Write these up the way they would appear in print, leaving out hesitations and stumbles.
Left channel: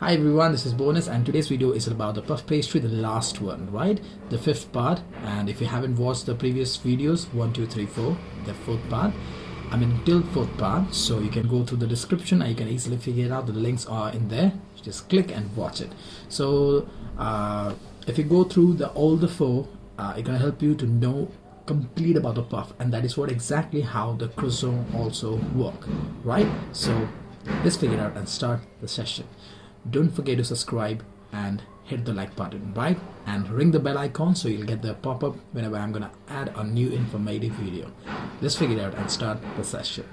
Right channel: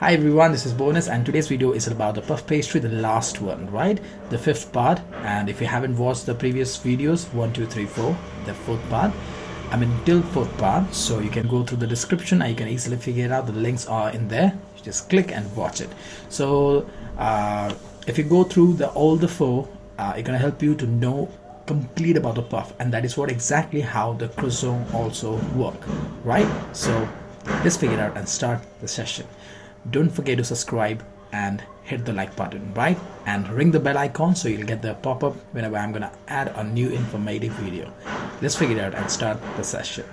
Hi everyone, this is Bonus and today's video is about the puff pastry, the last one, right? The fifth part. And if you haven't watched the previous videos, 1, 2, 3, 4, the fourth part, till fourth part, so you can go through the description and you can easily figure it out. The links are in there. Just click and watch it. So if you go through all the four, it's gonna help you to know complete about the puff, and that is what exactly how the croissant also work, right? So let's figure it out and start the session. Don't forget to subscribe and hit the like button, right? And ring the bell icon so you'll get the pop-up whenever I'm gonna add a new informative video. Let's figure it out and start the session.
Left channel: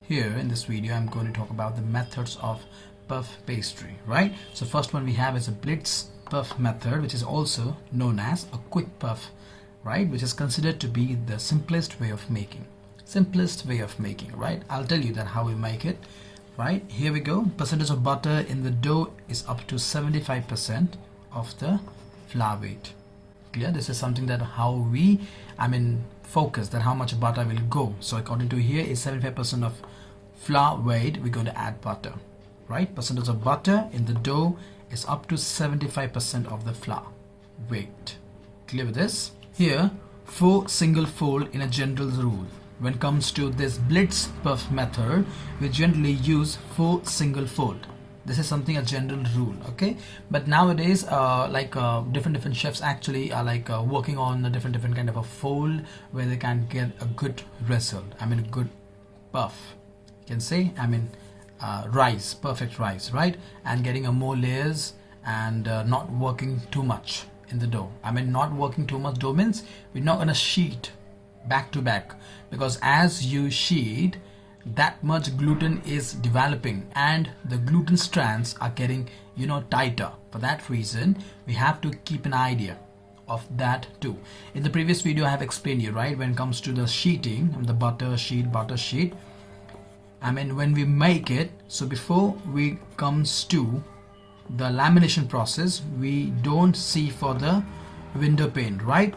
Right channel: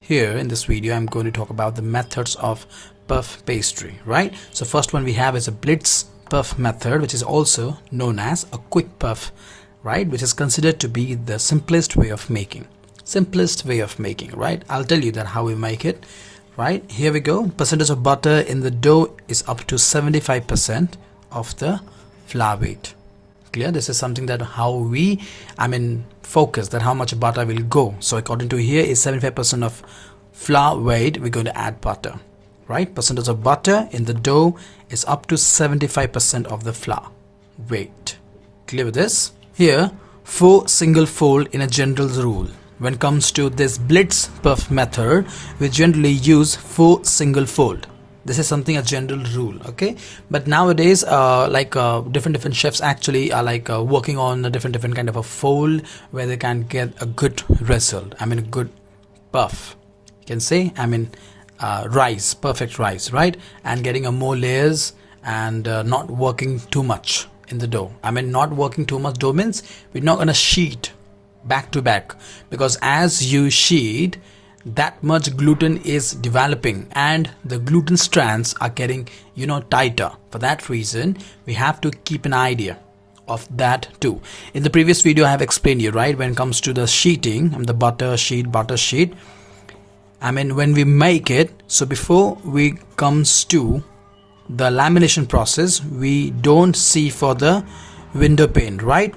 Here in this video, I'm going to talk about the methods of puff pastry, right? So first one we have is a Blitz puff method, which is also known as a quick puff, right? Which is considered to be the simplest way of making. Right? I'll tell you that how we make it. Right, here we go. Percentage of butter in the dough is up to 75% of the flour weight. Clear? This is something that how we focus that how much butter will go. So according to here is 75% of flour weight, we're going to add butter, right? Percentage of butter in the dough is up to 75% of the flour weight. Clear with this? Here 4 single fold in a general rule. When it comes to this Blitz puff method, we generally use 4 single fold. This is something a general rule, okay? But nowadays, different chefs actually are working on a different kind of a fold where they can get a good result. A good puff. You can say, rice, perfect rice, right? And getting a more layers and not working too much in the dough. Not working too much dough means we're not gonna sheet back to back, because as you sheet, that much gluten is developing and the gluten strands are getting tighter. For that reason, we have to keep an idea of that too. In the previous video I have explained you, right, when it comes to the sheeting and the butter sheet, when we make it, so before we comes to the lamination process, we don't see for the window pane, right?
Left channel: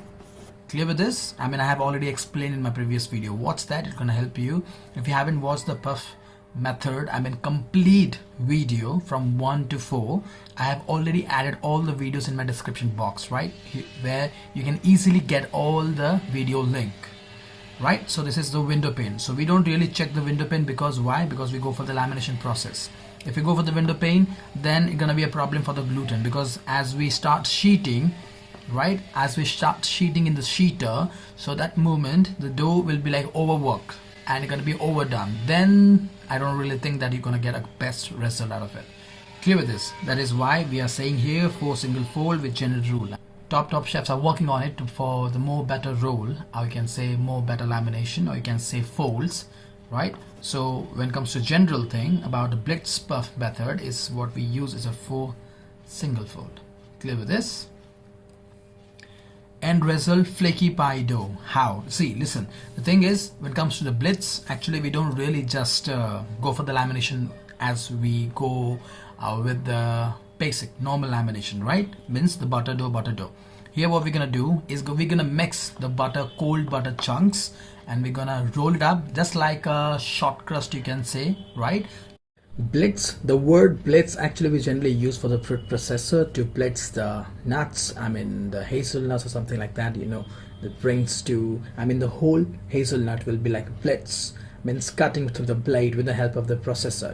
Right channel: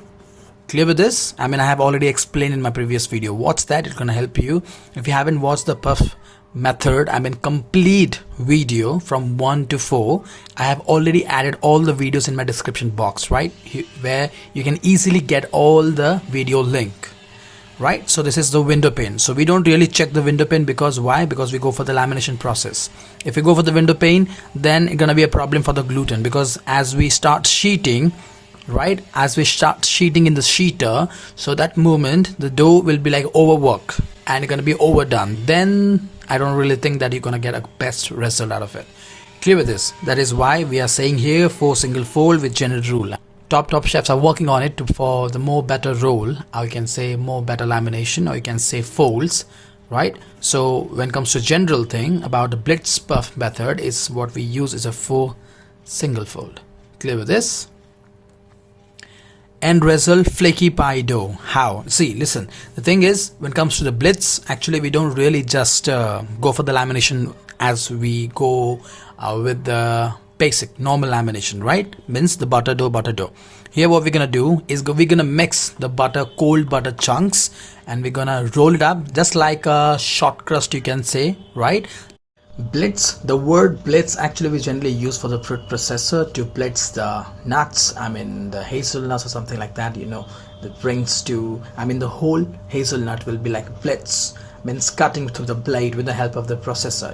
Clear with this? I have already explained in my previous video. Watch that, it's gonna help you. If you haven't watched the puff method, complete video from 1 to 4, I have already added all the videos in my description box, right? Where you can easily get all the video link, right? So this is the window pane. So we don't really check the window pane, because why? Because we go for the lamination process. If we go for the window pane, then it's gonna be a problem for the gluten, because as we start sheeting, right, as we start sheeting in the sheeter, so that moment the dough will be like overworked and it's gonna be overdone. Then I don't really think that you're gonna get a best result out of it. Clear with this? That is why we are saying here 4 single fold with general rule. Top chefs are working on it for the more better roll, or you can say more better lamination, or you can say folds, right? So when it comes to general thing about the Blitz puff method, is what we use is a 4 single fold. Clear with this? End result, flaky pie dough. How? See, listen, the thing is, when it comes to the Blitz, actually we don't really just go for the lamination as we go with the basic normal lamination, right? Means the butter dough. Here what we're gonna do is we're gonna mix the cold butter chunks, and we're gonna roll it up just like a short crust, you can say, right? Blitz, the word blitz actually we generally use for the fruit processor to blitz the nuts, the hazelnuts or something like that, that brings to, the whole hazelnut will be like blitz, means cutting through the blade with the help of the processor,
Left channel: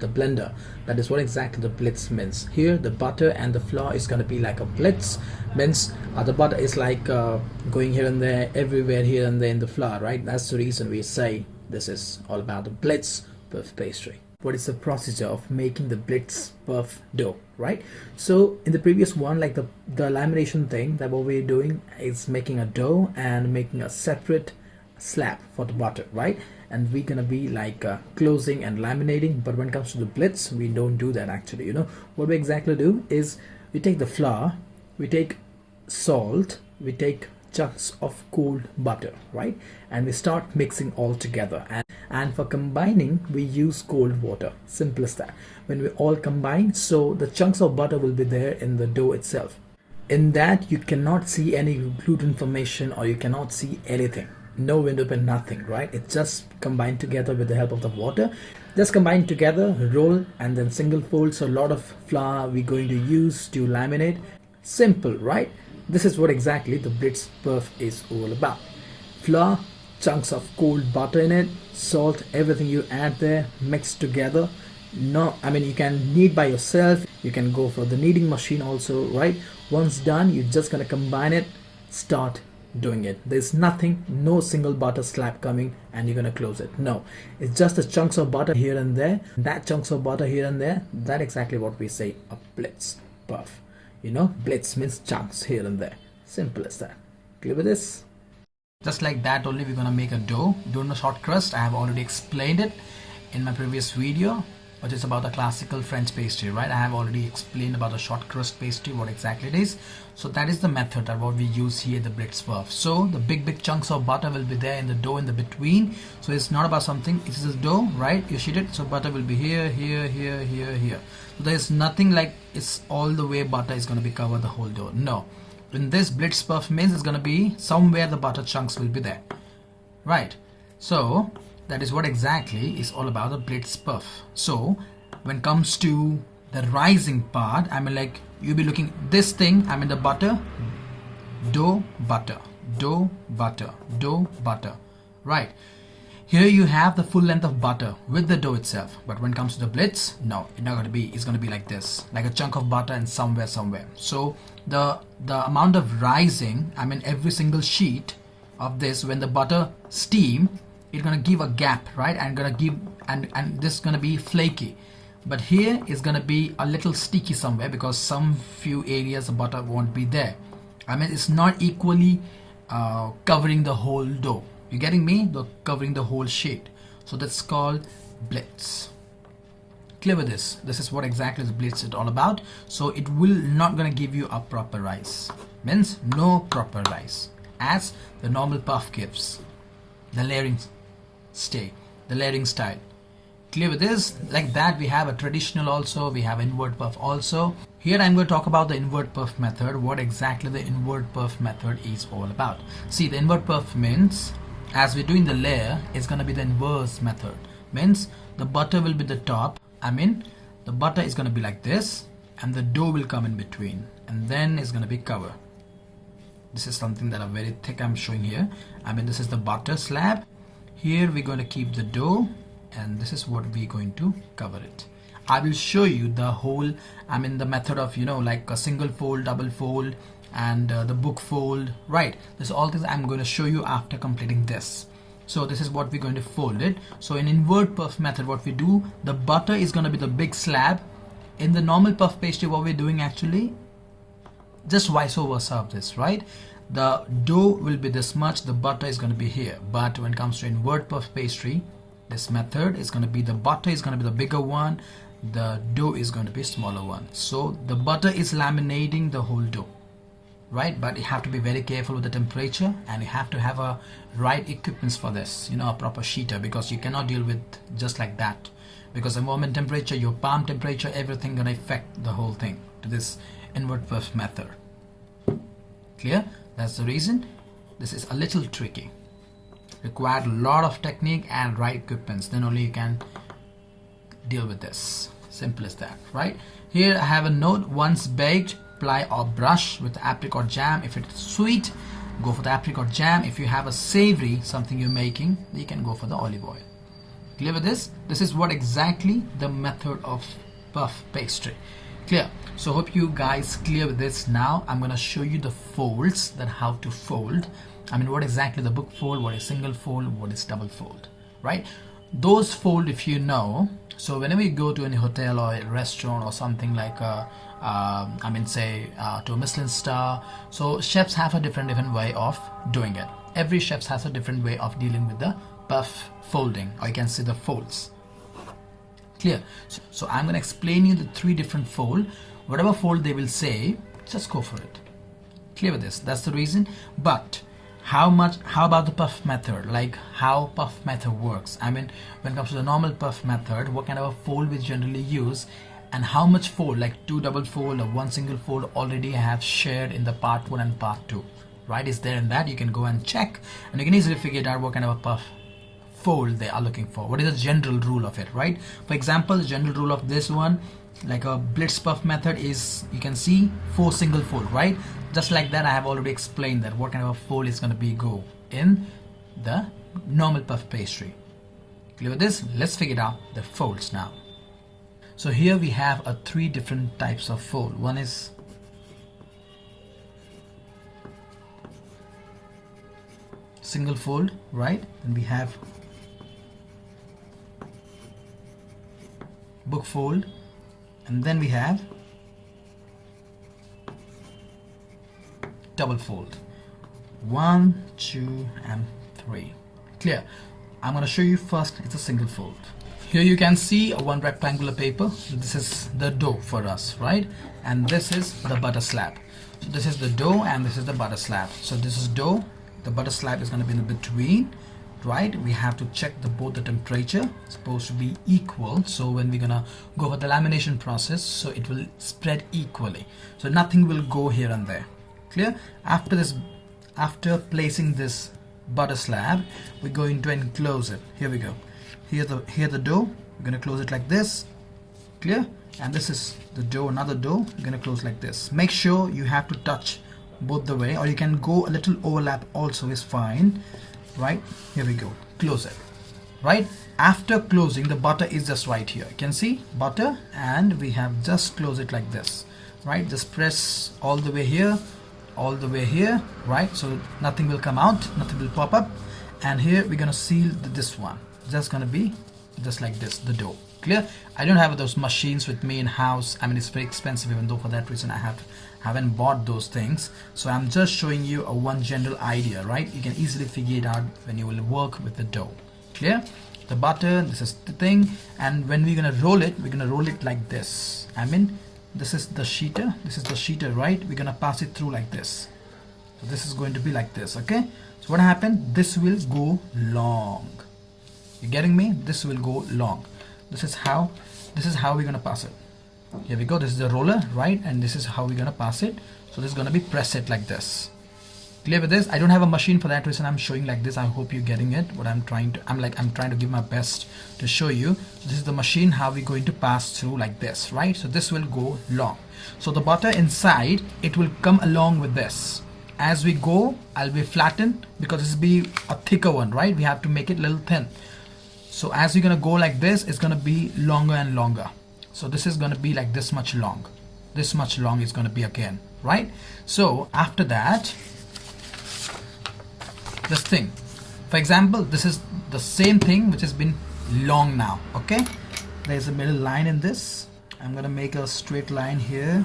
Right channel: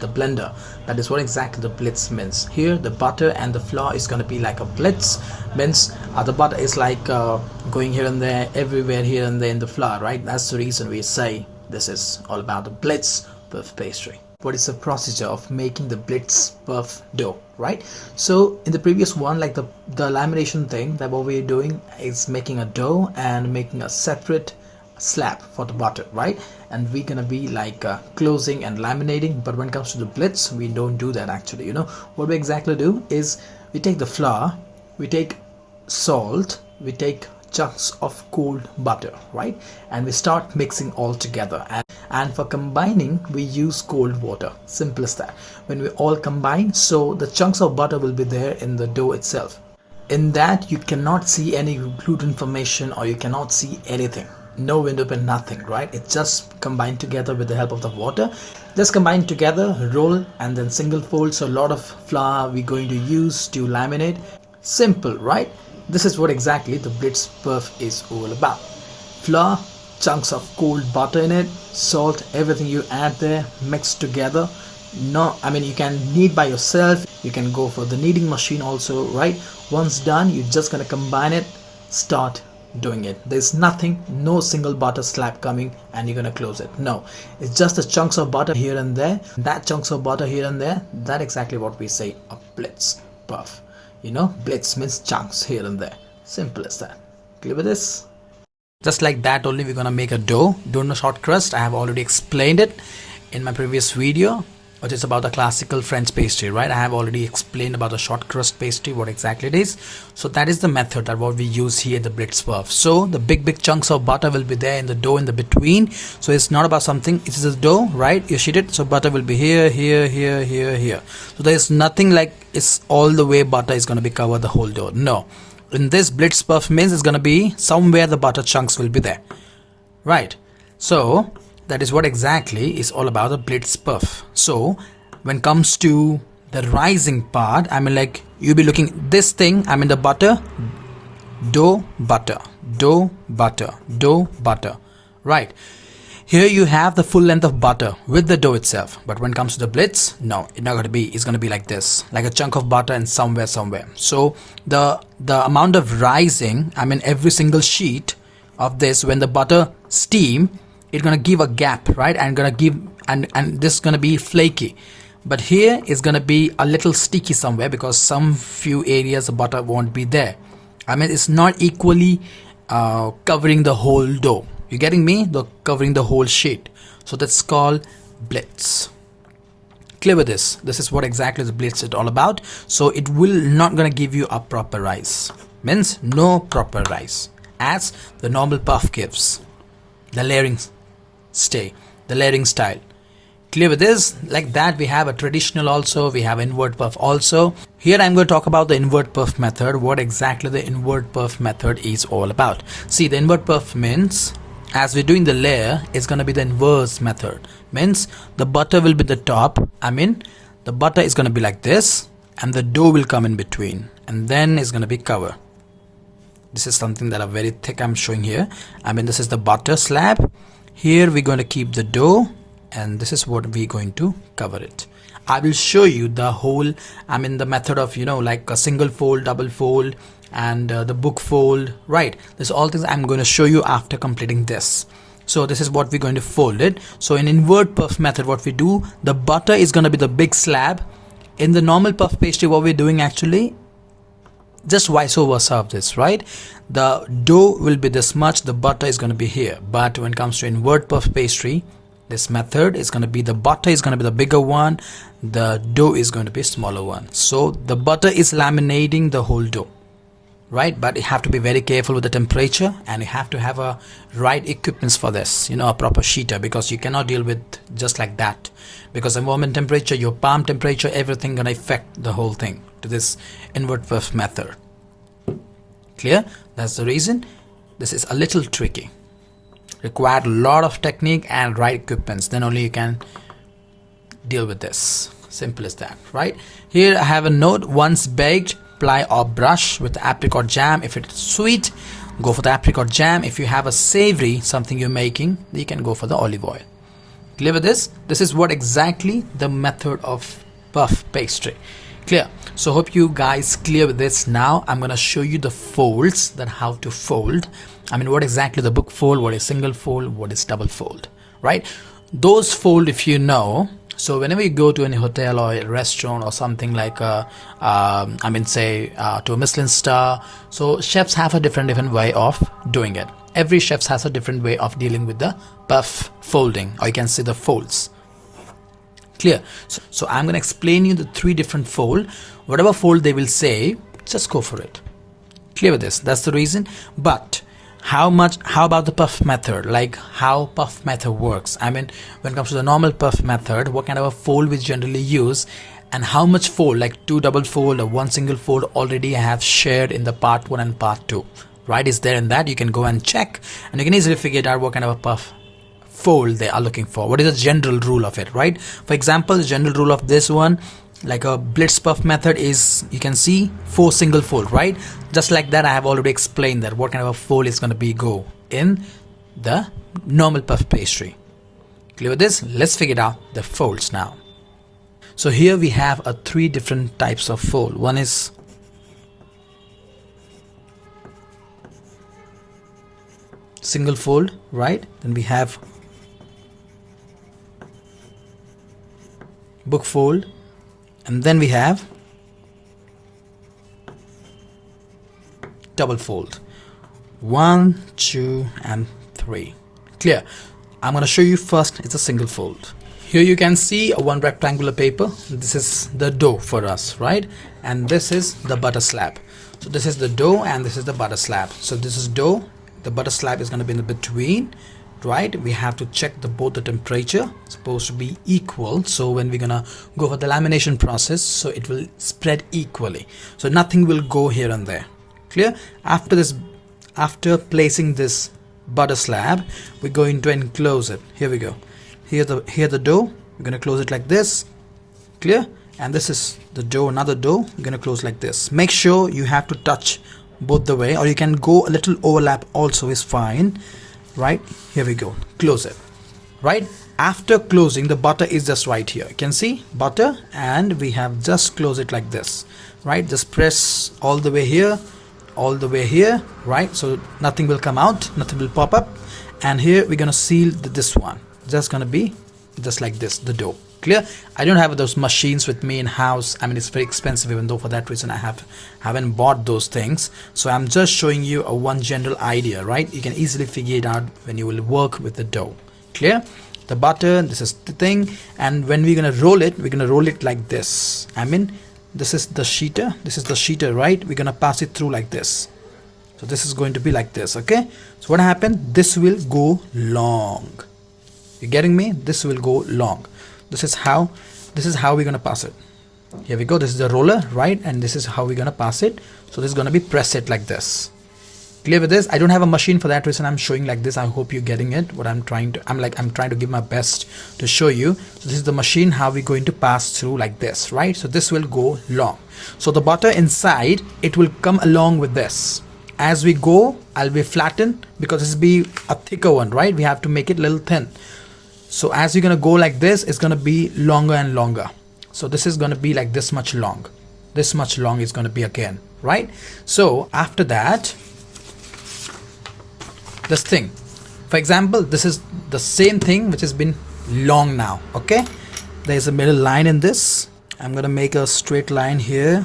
the blender. That is what exactly the blitz means. Here the butter and the flour is going to be like a blitz, means the butter is like going here and there, everywhere here and there in the flour, right? That's the reason we say this is all about the Blitz puff pastry. What is the procedure of making the Blitz puff dough, right? So in the previous one, like the lamination thing, that what we're doing is making a dough and making a separate slab for the butter, right? And we're gonna be like closing and laminating. But when it comes to the Blitz, we don't do that actually. What we exactly do is we take the flour, we take salt, we take chunks of cold butter, right? And we start mixing all together, and for combining we use cold water. Simple as that. When we all combine, so the chunks of butter will be there in the dough itself. In that you cannot see any gluten formation, or you cannot see anything. no window pane, nothing, right? It's just combined together with the help of the water. Just combine together, roll, and then single fold. So a lot of flour we're going to use to laminate. Simple, right? This is what exactly the Blitz puff is all about. Flour, chunks of cold butter in it, salt, everything you add there, mixed together. No, I mean, you can knead by yourself, you can go for the kneading machine also, right? Once done, you're just gonna combine it, start doing it. There's nothing, no single butter slab coming and you're gonna close it. No, it's just the chunks of butter here and there. That chunks of butter here and there, that exactly what we say a Blitz puff. You know, Blitz means chunks here and there. Simple as that. Clear with this? Just like that only we're gonna make a dough. Dough short crust, I have already explained it in my previous video, which is about the classical French pastry, right? I have already explained about the short crust pastry, what exactly it is. So that is the method that what we use here, the Blitz puff. So the big chunks of butter will be there in the dough in the between. So it's not about something, it is a dough, right? You sheet it, so butter will be here, here, here, here, here. So there is nothing like it's all the way butter is going to be cover the whole dough. No. In this Blitz puff means it's going to be somewhere the butter chunks will be there, right? So that is what exactly is all about the Blitz puff. So when it comes to the rising part, I mean, like you'll be looking this thing, I mean the butter, dough, butter, dough, butter, dough, butter, right? Here you have the full length of butter with the dough itself. But when it comes to the Blitz, no, it's not going to be, it's going to be like this, like a chunk of butter and somewhere. So the amount of rising, I mean every single sheet of this, when the butter steam, it's going to give a gap, right? And going to give, and this is going to be flaky. But here is going to be a little sticky somewhere because some few areas the butter won't be there. I mean, it's not equally covering the whole dough. You getting me? The covering the whole sheet. So that's called Blitz. Clear with this? This is what exactly the Blitz is all about. So it will not gonna give you a proper rise. Means no proper rise, as the normal puff gives. The layering stay, the layering style. Clear with this? Like that we have a traditional also, we have invert puff also. Here I'm going to talk about the invert puff method, what exactly the invert puff method is all about. See, the invert puff means, as we're doing the layer, it's going to be the inverse method. Means the butter will be the top, I mean the butter is going to be like this and the dough will come in between and then it's going to be cover. This is something that are very thick I'm showing here. I mean this is the butter slab. Here we're going to keep the dough and this is what we're going to cover it. I will show you the whole, I mean the method of, you know, like a single fold, double fold and the book fold, right? This all things I'm going to show you after completing this. So this is what we're going to fold it. So in invert puff method, what we do, the butter is going to be the big slab. In the normal puff pastry, what we're doing actually, just vice versa of this, right? The dough will be this much, the butter is going to be here. But when it comes to invert puff pastry, this method is going to be the butter is going to be the bigger one, the dough is going to be a smaller one. So the butter is laminating the whole dough, right? But you have to be very careful with the temperature and you have to have a right equipments for this, you know, a proper sheeter, because you cannot deal with just like that, because environment temperature, your palm temperature, everything gonna affect the whole thing to this invert puff method. Clear? That's the reason this is a little tricky, required a lot of technique and right equipments, then only you can deal with this. Simple as that, right? Here I have a note, once baked, apply or brush with apricot jam. If it's sweet, go for the apricot jam. If you have a savory something you're making, you can go for the olive oil. Clear with this? This is what exactly the method of puff pastry. Clear? So hope you guys clear with this. Now I'm gonna show you the folds, that how to fold. I mean what exactly the book fold, what is single fold, what is double fold, right? Those fold, if you know, so whenever you go to any hotel or a restaurant or something like to a Michelin star, so chefs have a different way of doing it. Every chef has a different way of dealing with the puff folding, or you can say the folds. Clear? So I'm going to explain you the 3 different fold. Whatever fold they will say, just go for it. Clear with this? That's the reason. But how about the puff method, like how puff method works? I mean when it comes to the normal puff method, what kind of a fold we generally use and how much fold, like 2 double fold or 1 single fold, already I have shared in the part 1 and part 2. right, is there in that. You can go and check, and you can easily figure it out what kind of a puff fold they are looking for. What is the general rule of it, right? For example, the general rule of this one, like a Blitz puff method, is you can see 4 single fold, right? Just like that, I have already explained that what kind of a fold is going to be go in the normal puff pastry. Clear with this? Let's figure out the folds now. So here we have 3 different types of fold. One is single fold, right? Then we have book fold, and then we have double fold. 1, 2, and 3. Clear? I'm going to show you first. It's a single fold. Here you can see one rectangular paper. This is the dough for us, right? And this is the butter slab. So this is the dough and this is the butter slab. So this is dough. The butter slab is going to be in the between, right? We have to check both the temperature. It's supposed to be equal. So when we're gonna go for the lamination process, so it will spread equally. So nothing will go here and there. Clear? After placing this butter slab, we're going to enclose it. Here we go. Here the dough. We're gonna close it like this. Clear? And this is the dough, another dough. We're gonna close like this. Make sure you have to touch both the way, or you can go a little overlap also is fine, right? Here we go. Close it, right? After closing, the butter is just right here. You can see butter, and we have just closed it like this, right? Just press all the way here, right? So nothing will come out, nothing will pop up. And here we're gonna seal this one. Just gonna be just like this, the dough. Clear? I don't have those machines with me in house. I mean, it's very expensive, even though for that reason I haven't bought those things. So I'm just showing you one general idea, right? You can easily figure it out when you will work with the dough. Clear? The butter, this is the thing, and when we're gonna roll it like this. I mean, this is the sheeter, right? We're gonna pass it through like this. So this is going to be like this, okay? So what happened? This will go long. You getting me? This will go long. This is how we're gonna pass it. Here we go. This is the roller, right? And this is how we're gonna pass it. So this is gonna be press it like this. Clear with this? I don't have a machine, for that reason I'm showing like this. I hope you're getting it. What I'm trying to give my best to show you. So this is the machine, how we're going to pass through like this, right? So this will go long. So the butter inside, it will come along with this. As we go, I'll be flattened because this will be a thicker one, right? We have to make it a little thin. So as you're gonna go like this, it's gonna be longer and longer. So this is gonna be like this much long. This much long is gonna be again, right? So after that, this thing, for example, this is the same thing which has been long now, okay? There's a middle line in this. I'm gonna make a straight line here.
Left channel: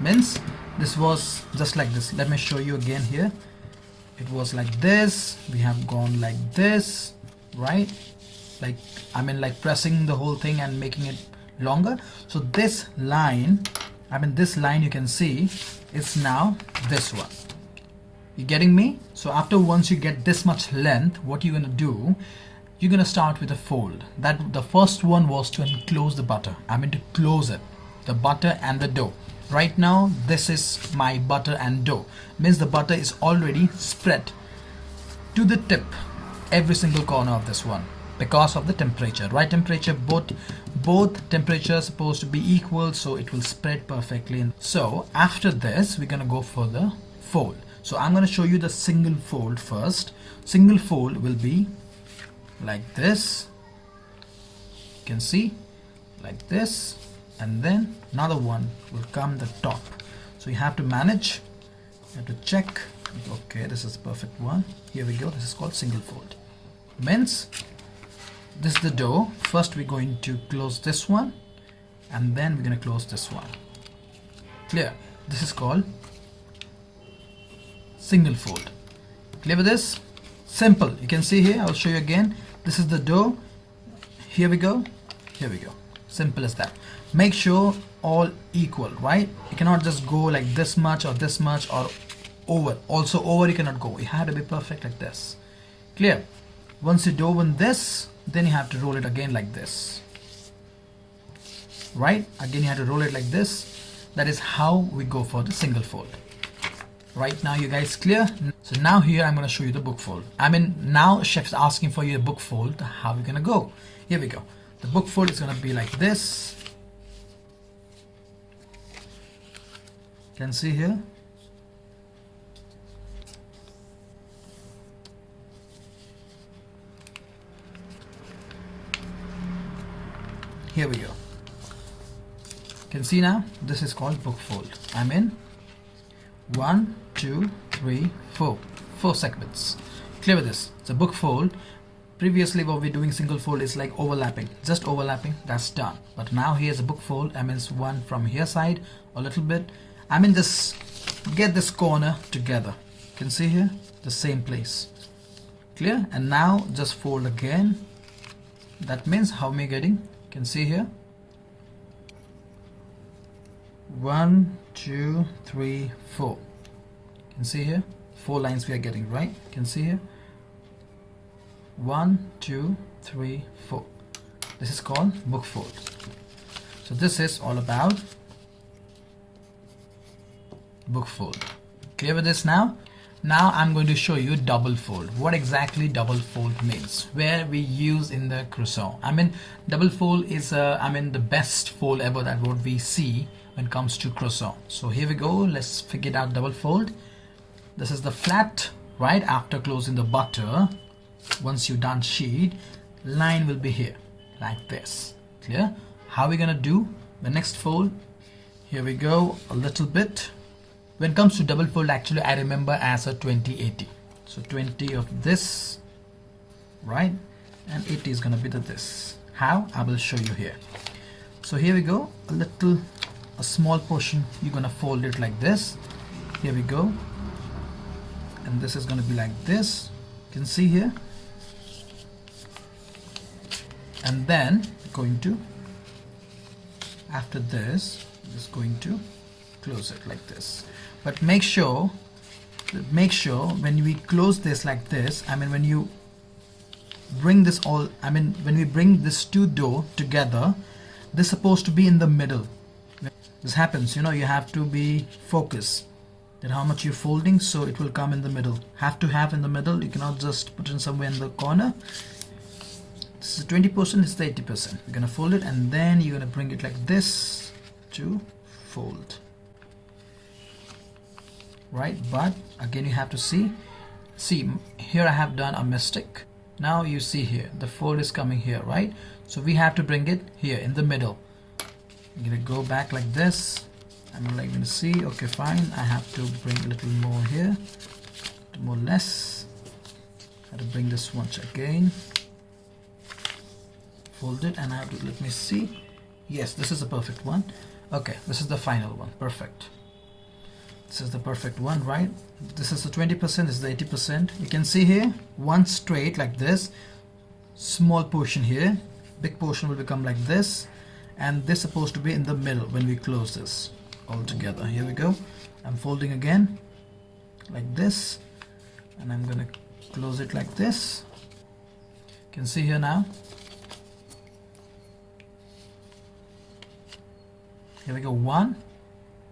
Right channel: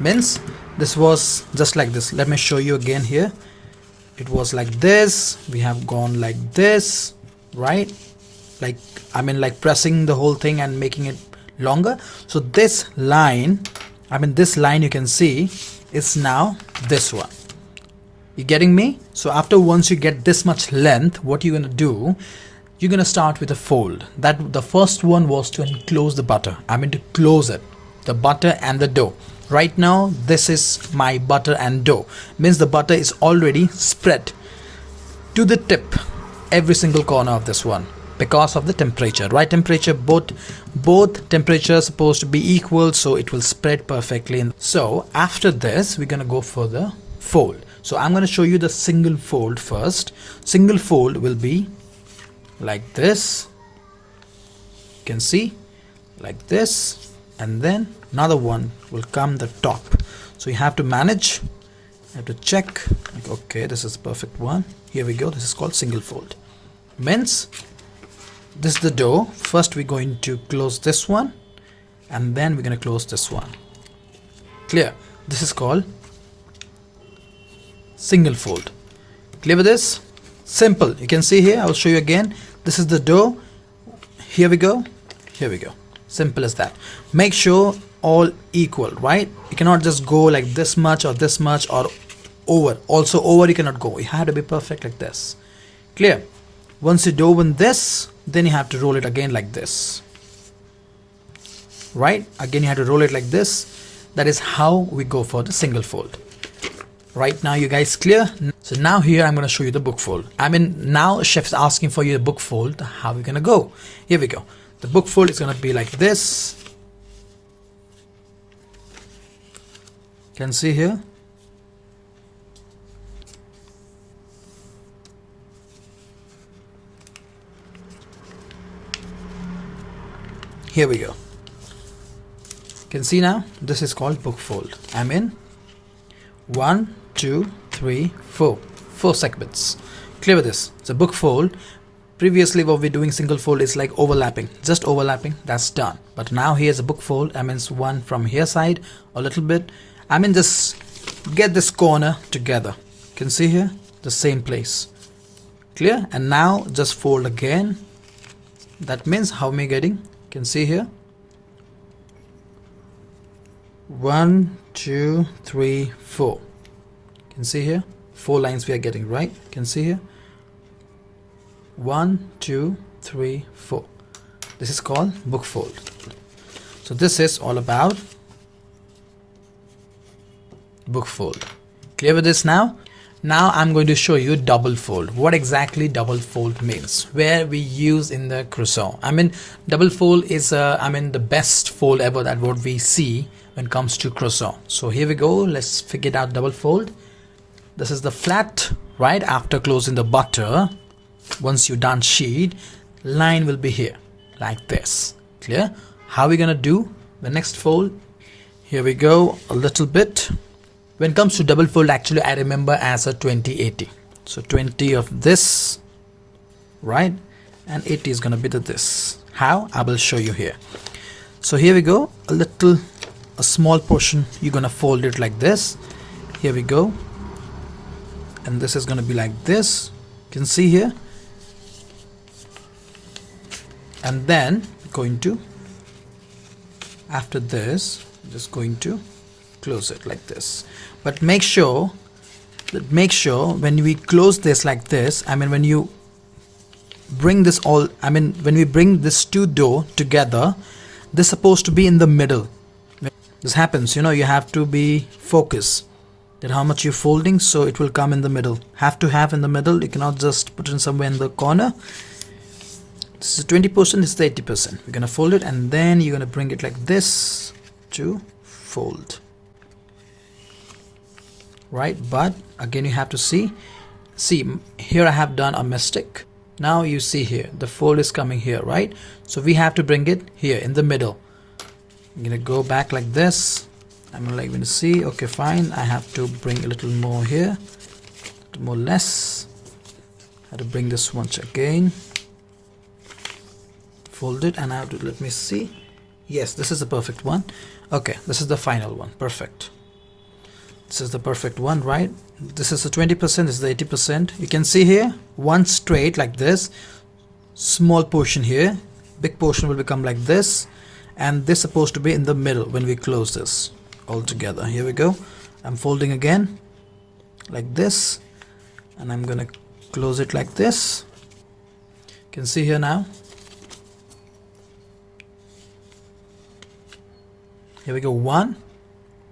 Means this was just like this. Let me show you again here. It was like this. We have gone like this, right? Like, I mean, like pressing the whole thing and making it longer. So this line, you can see is now this one. You getting me? So after once you get this much length, what you're gonna do, you're gonna start with a fold. That the first one was to enclose the butter. To close it, the butter and the dough. Right now, this is my butter and dough. Means the butter is already spread to the tip, every single corner of this one. Because of the temperature, right? Temperature, both temperatures supposed to be equal, so it will spread perfectly. So after this, we're gonna go for the fold. So I'm gonna show you the single fold first. Single fold will be like this. You can see like this, and then another one will come the top. So you have to manage. You have to check. Okay, this is the perfect one. Here we go. This is called single fold. Means this is the dough. First we're going to close this one, and then we're going to close this one. Clear? This is called single fold. Clear with this? Simple. You can see here, I'll show you again. This is the dough. Here we go. Here we go. Simple as that. Make sure all equal, right? You cannot just go like this much or over. Also over you cannot go. You have to be perfect like this. Clear? Once you do in this, then you have to roll it again like this, right? Again you have to roll it like this. That is how we go for the single fold. Right now, you guys clear? So now here I'm going to show you the book fold. I mean, now chef is asking for you the book fold. How are we going to go? Here we go. The book fold is going to be like this. You can see here. Here we go. You can see now, this is called book fold. I'm in 1, 2, 3, 4. 4 segments. Clear with this. It's a book fold. Previously what we're doing single fold is like overlapping. Just overlapping, that's done. But now here's a book fold. I mean, it's one from here side, a little bit. I mean, just get this corner together. You can see here, the same place. Clear? And now just fold again. That means how am I getting? You can see here. 1, 2, 3, 4. You can see here 4 lines we are getting, right? You can see here 1, 2, 3, 4. This is called book fold. So this is all about book fold. Clear with this now? Now I'm going to show you double fold. What exactly double fold means, where we use in the croissant. I mean, double fold is the best fold ever that what we see when it comes to croissant. So here we go. Let's figure it out. Double fold. This is the flat, right after closing the butter. Once you done sheet, line will be here like this. Clear? How are we gonna do the next fold? Here we go. A little bit. When it comes to double fold, actually I remember as a 20-80. So 20 of this, right? And 80 is gonna be the this. How? I will show you here. So here we go. A small portion, you're gonna fold it like this. Here we go. And this is gonna be like this. You can see here. And then going to, after this, just going to close it like this. But make sure when we close this like this, I mean, when you bring this all, I mean, when we bring this two dough together, this is supposed to be in the middle. When this happens, you know, you have to be focused that how much you're folding, so it will come in the middle. Have to have in the middle. You cannot just put it in somewhere in the corner. This is 20%, this is the 80%. We're gonna fold it and then you're gonna bring it like this to fold. Right, but again you have to see here I have done a mistake. Now you see here the fold is coming here, right? So we have to bring it here in the middle. I'm gonna go back like this. I'm like going to see, okay, fine, I have to bring a little more here, more less. I have to bring this once again, fold it, and I have to, let me see, yes, this is the perfect one. Okay, this is the final one. Perfect. This is the perfect one, right? This is the 20%, this is the 80%. You can see here one straight like this, small portion here, big portion will become like this, and this is supposed to be in the middle when we close this all together. Here we go. I'm folding again like this, and I'm gonna close it like this. You can see here now. Here we go, one,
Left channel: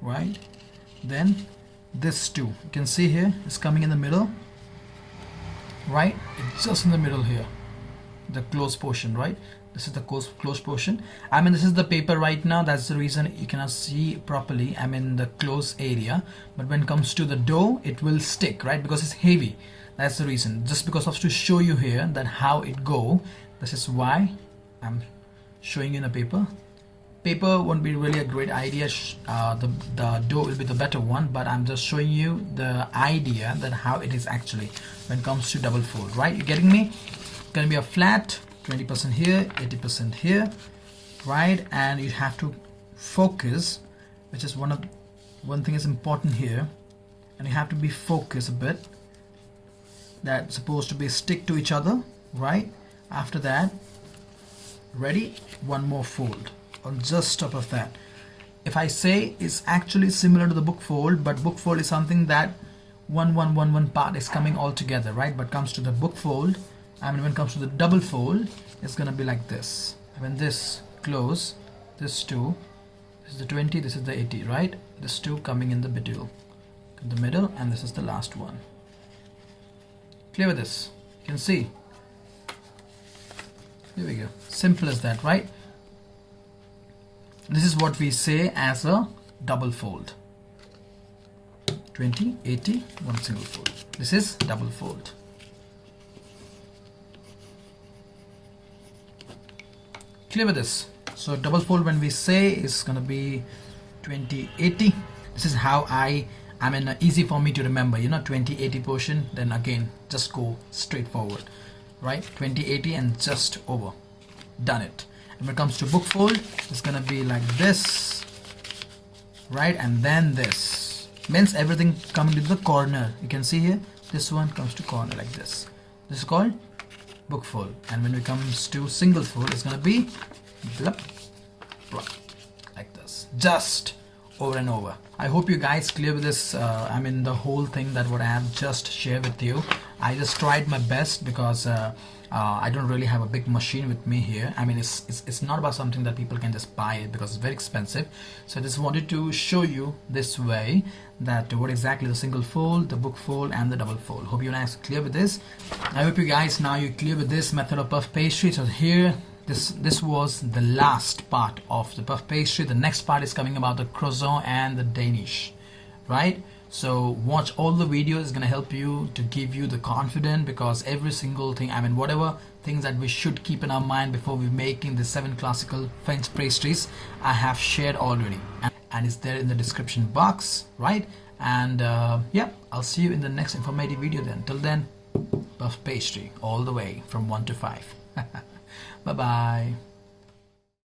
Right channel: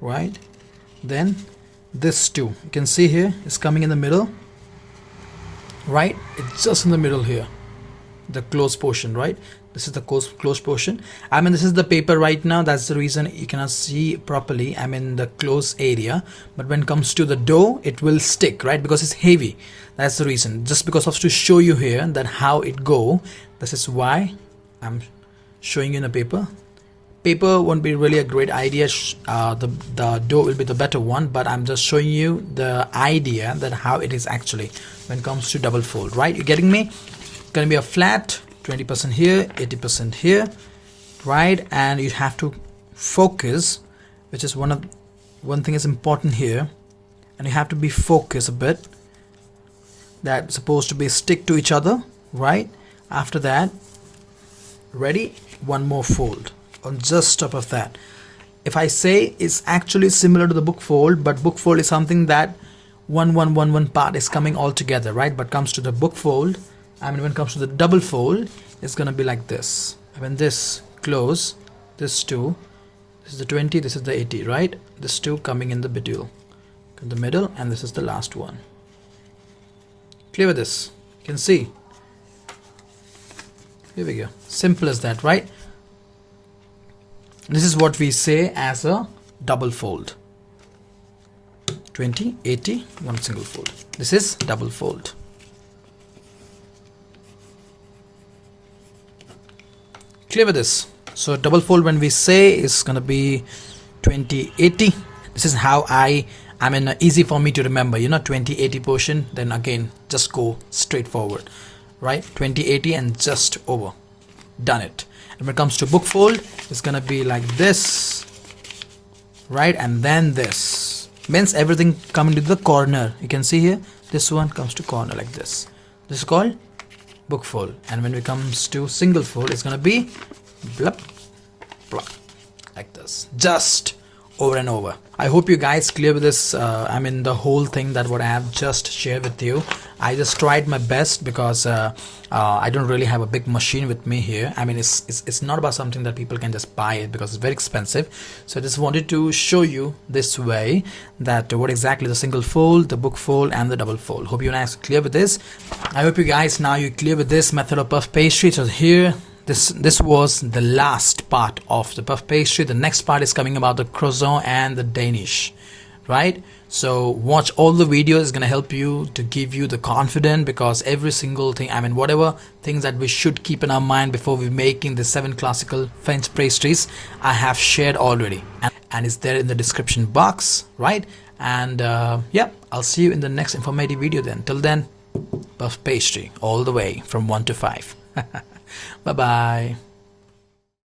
right? Then this two, you can see here is coming in the middle, right? It's just in the middle here, the closed portion, right? This is the closed portion. I mean, this is the paper right now, that's the reason you cannot see properly. I'm in the closed area, but when it comes to the dough, it will stick, right? Because it's heavy. That's the reason. Just because of to show you here that how it go, this is why I'm showing you in the paper. Paper won't be really a great idea. The dough will be the better one, but I'm just showing you the idea that how it is actually when it comes to double fold, right? You're getting me? It's gonna be a flat 20% here, 80% here, right? And you have to focus, which is one thing is important here, and you have to be focused a bit. That's supposed to be stick to each other, right? After that, ready? One more fold on just top of that. If I say it's actually similar to the book fold, but book fold is something that one part is coming all together, right? But comes to the book fold, I mean, when it comes to the double fold, it's gonna be like this. I mean, this close, this two, this is the 20, this is the 80, right? This two coming in the middle, in the middle, and this is the last one. Clear with this? You can see. Here we go. Simple as that, right? This is what we say as a double fold. 20, 80, one single fold. This is double fold. Clear with this? So double fold, when we say, is gonna be 20, 80. This is how I mean, easy for me to remember, you know, 20, 80 portion. Then again, just go straight forward, right? 20, 80 and just over. Done it. And when it comes to book fold, it's gonna be like this, right? And then this means everything coming to the corner. You can see here, this one comes to corner like this. This is called book fold. And when it comes to single fold, it's gonna be blup, blup, like this, just over and over. I hope you guys clear with this. I mean, the whole thing that what I have just shared with you. I just tried my best because I don't really have a big machine with me here. I mean, it's not about something that people can just buy it because it's very expensive. So I just wanted to show you this way that what exactly the single fold, the book fold, and the double fold. Hope you guys are clear with this. I hope you guys now you're clear with this method of puff pastry. So here, this was the last part of the puff pastry. The next part is coming about the croissant and the Danish, right? So watch all the videos. It's gonna help you to give you the confidence, because every single thing, I mean, whatever things that we should keep in our mind before we making the 7 classical French pastries, I have shared already, and it's there in the description box, right? And yeah, I'll see you in the next informative video then. Till then, puff pastry all the way from 1 to 5. Bye bye.